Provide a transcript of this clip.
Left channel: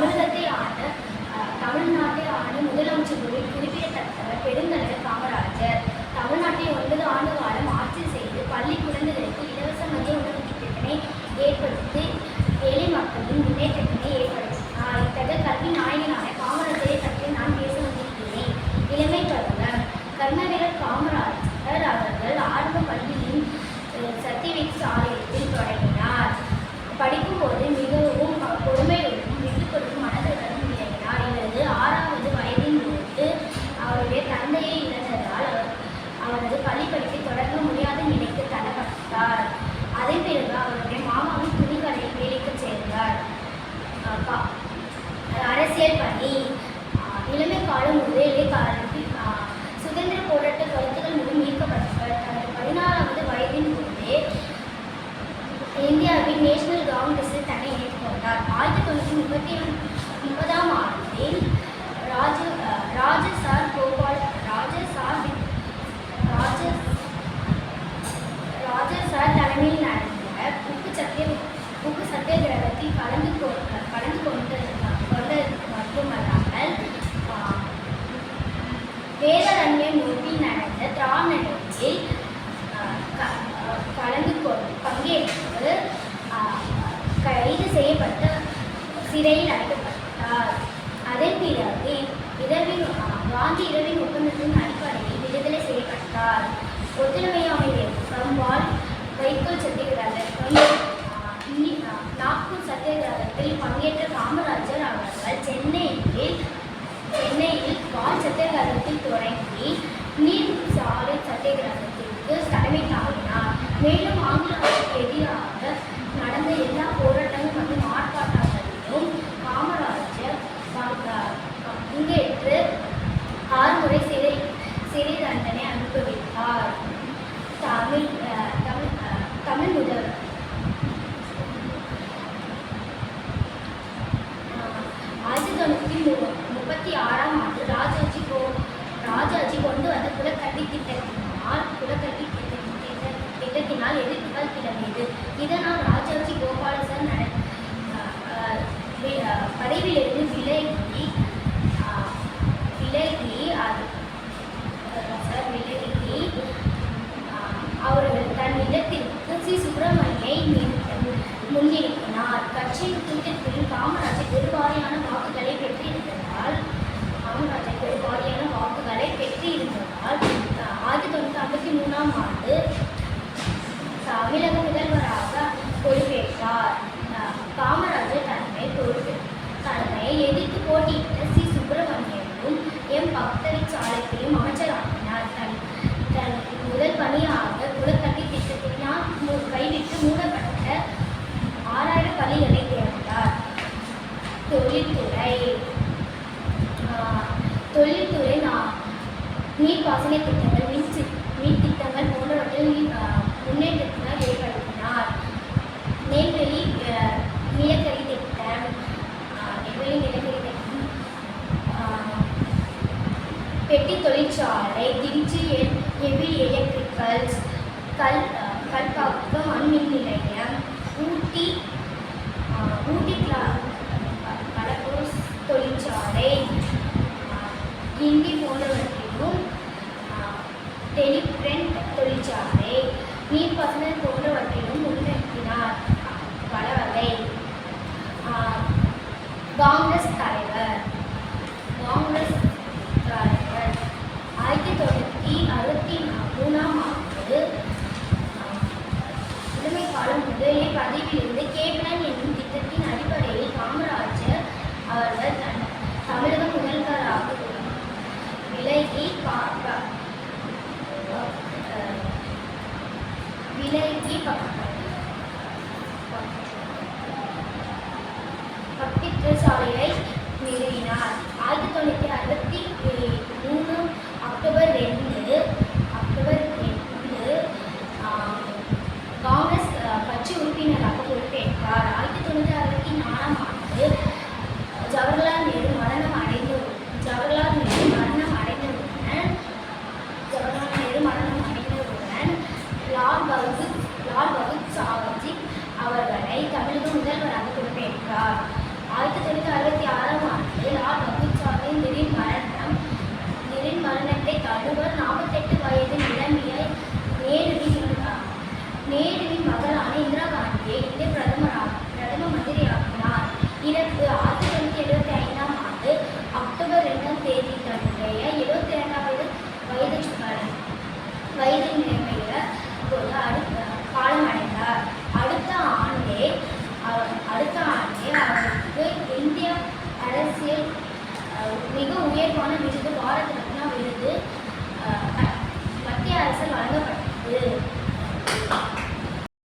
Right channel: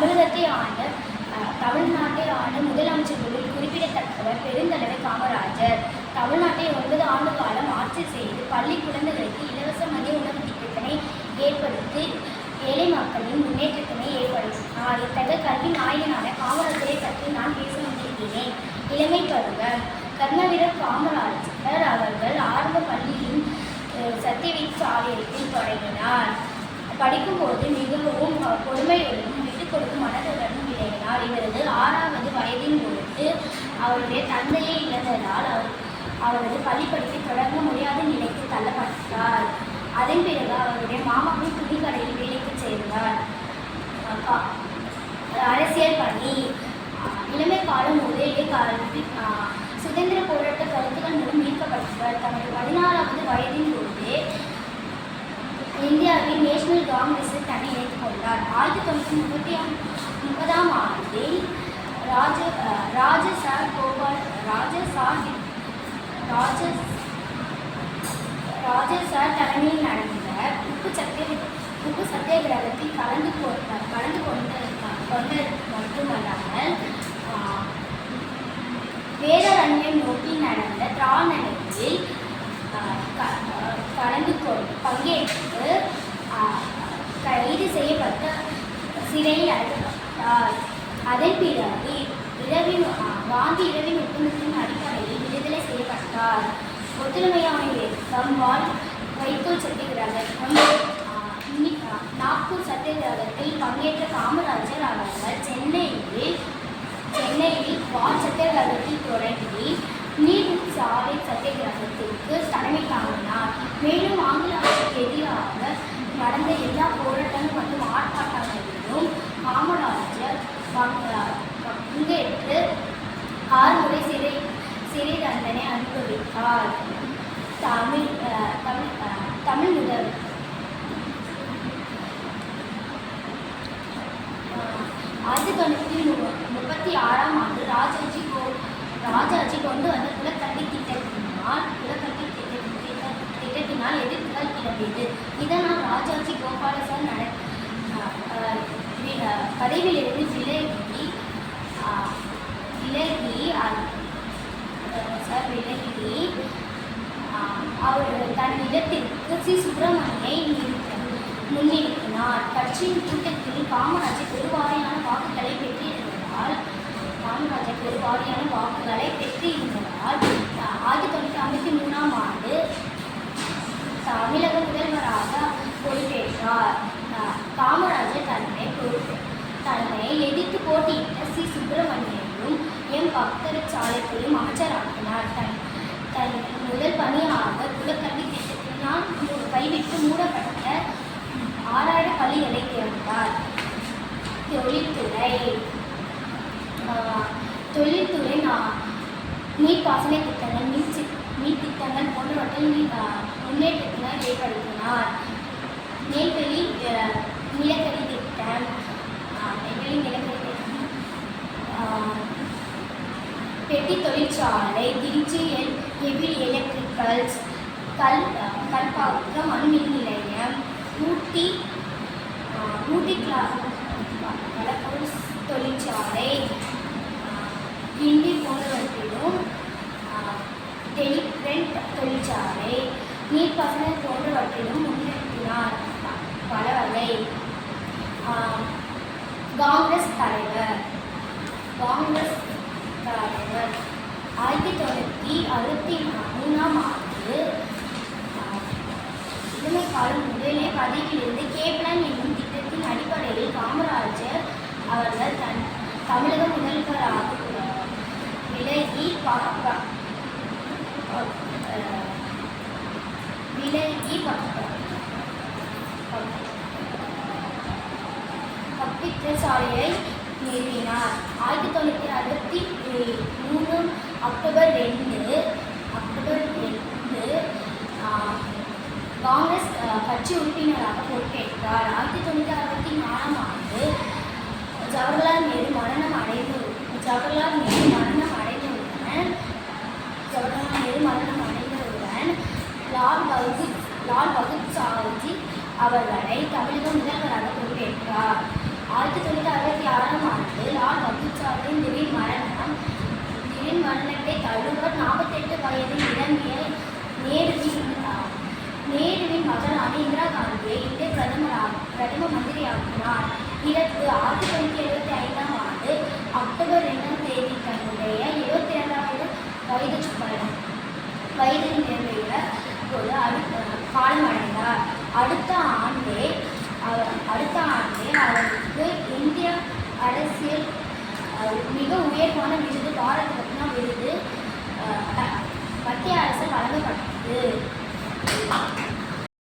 தமிழகத்தை ஆண்ட தமிழ்நாட்டை ஆண்ட ஆண்டு முதலமைச்சர்களில் குறிப்பிடத்தக்கவர் பெருந்தலைவர் காமராஜர். தமிழ்நாட்டை ஒன்பது ஆண்டு காலம் ஆட்சி செய்து பள்ளி குழந்தைகளுக்கு இலவச மதிய உணவு அரசியல் பணி இளமை காலம் முதலே கல்வி சுதந்திர போராட்ட கருத்துக்கள் மூலம் ஈர்க்கப்பட்டவர் தனது பதினாறாவது வயதின் போது இந்தியாவின் நேஷனல் காங்கிரஸில் தன்னை இணைத்துக் கொண்டார். ஆயிரத்தி தொள்ளாயிரத்தி முப்பத்தி முப்பதாம் ஆண்டில் ராஜ அஹ் ராஜசார் கோபால் ராஜசார் ராஜ ராஜசார் தலைமையில் நடந்த உப்பு சத்திய உப்பு சத்தியாகிரகத்தில் கலந்து கொண்டு கொண்டது மட்டுமல்லாமல் ஆஹ், வேதாரண்யை நோக்கி நடந்த திராணனையில் கலந்து கொண்டு பங்கேற்று கைது செய்யப்பட்ட சிறையில் அடைக்கப்பட்டார். அதன் பிறகு இரவின் காந்தி இரவின் ஒப்பந்தத்தின் அடிப்படையில் விடுதலை செய்யப்பட்டார். ஒத்துழைமையான இயக்கம் வாழ் வைக்கோல் சத்தியகிரகம் நாக்பூர் சத்தியகிரகத்தில் பங்கேற்ற காமராஜர் அவர்கள் சென்னையில் சென்னையில் வால் சத்தியகிரகத்தில் தொடங்கி நீர் சாலை சத்தியகிரகத்திற்கு தலைமை தாங்கினார் மேலும் ஆங்கிலத்திற்கு எதிராக நடந்த எல்லா போராட்டங்கள் மற்றும் ஆர்ப்பாட்டங்களிலும் காமராஜர் பங்கேற்று ஆறு முறை சிறை சிறை தண்டனை அனுபவித்தார். தமிழ் தமிழ் அஹ், தமிழ் முதல். ஆயிரத்தி தொண்ணூற்றி மூணு முப்பத்தி ஆறாம் ஆண்டு ராஜாஜி கோ ராஜாஜி கொண்டு வந்த குலக்கல்வி திட்டத்தினால் குலக்கல்வி திட்ட- திட்ட- திட்டத்தினால் எதிர்ப்புகள் கிளம்பியது இதனால் ராஜாஜி கோபாலசாமி நட பதவியிலிருந்து விலகி விலகி சார் விலகி அவர் தன் இல்லத்திற்கு சி சுப்பிரமணியை முன்னிறுத்தினார். கட்சியின் கூட்டத்தில் காமராஜர் பெருவாரியான வாக்குகளை பெற்றிருந்ததால் காமராஜர் பெருவாரியான வாக்குகளை பெற்றிருந்ததால் ஆயிரத்தி தொள்ளாயிரத்தி ஐம்பத்தி மூணாம் ஆண்டு தமிழக முதல்வராக பொறுப்பேற்றார் காமராஜர் தன்னை பொறுப்பு தன்னை எதிர்த்து போட்டியிட்ட சி சுப்பிரமணியனும் எம் பக்தரிச்சாலைத்தையும் அமைச்சராக்கினார் தன் தன் முதல் பணியாக குலக்கல்வி திட்டத்தினால் கைவிட்டு மூடப்பட்ட ஆறாயிரம் பள்ளிகளை திறந்தார் தொழில்துறை தொழில்துறை நான் நீர்ப்பாசன திட்டங்கள் மின் மீன் மின் திட்டங்கள் போன்றவற்றில் நீ- முன்னேற்றத்தினால் ஏற்படுத்தினார். நெல்வெளி நிலக்கரி திட்டம் நெல்வெளி நிலக்கரி திட்டம் பெட்டி தொழிற்சாலை திருச்சி எல் ஹெவி எலக்ட்ரிக்கல்ஸ் கல் ஆஹ், கல்பாக்கம் அணுமின் நிலையம் ஊட்டி ஊட்டி கிளா கடற்கரை தொழிற்சாலை கிண்டி போன்றவற்றிலும் ஆஹ், டெலிபிரிண்ட் தொழிற்சாலை நீர்ப்பாசன போன்றவற்றிலும் முன்னேற்றினார் பல காங்கிரஸ் தலைவர். காங்கிரஸ் தலைவர். ஆயிரத்தி தொள்ளாயிரத்தி அறுபத்தி மூணாம் ஆண்டு இளமைக்காலம் முதலே பதவியில் கேப்டன் என்னும் திட்டத்தின் அடிப்படையில் காமராஜர் அவர்கள் தன் தமிழக முதல்வராக விலகி பா- ப- ப- அஹ், விலகி பப்பித்த சாலையை நிறுவினார் ஆயிரத்தி தொள்ளாயிரத்தி அறுபத்தி மூணு அக்டோபர் ரெண்டு. அவர்களை தமிழக முதல்வராக பொறுப்பேற்றார். ஆயிரத்தி தொள்ளாயிரத்தி அறுபத்தி ஆறாம் ஆண்டு லால் பகதூர் திடீர் மரணம் திடீர் மரணத்தை தழுவர் நாற்பத்தெட்டு வயதில் இளமையை இந்திய அரசியல் மிக உயர்வான விருது பாரத ரத்னா விருது. மத்திய அரசில் வழங்கப்பட்டது.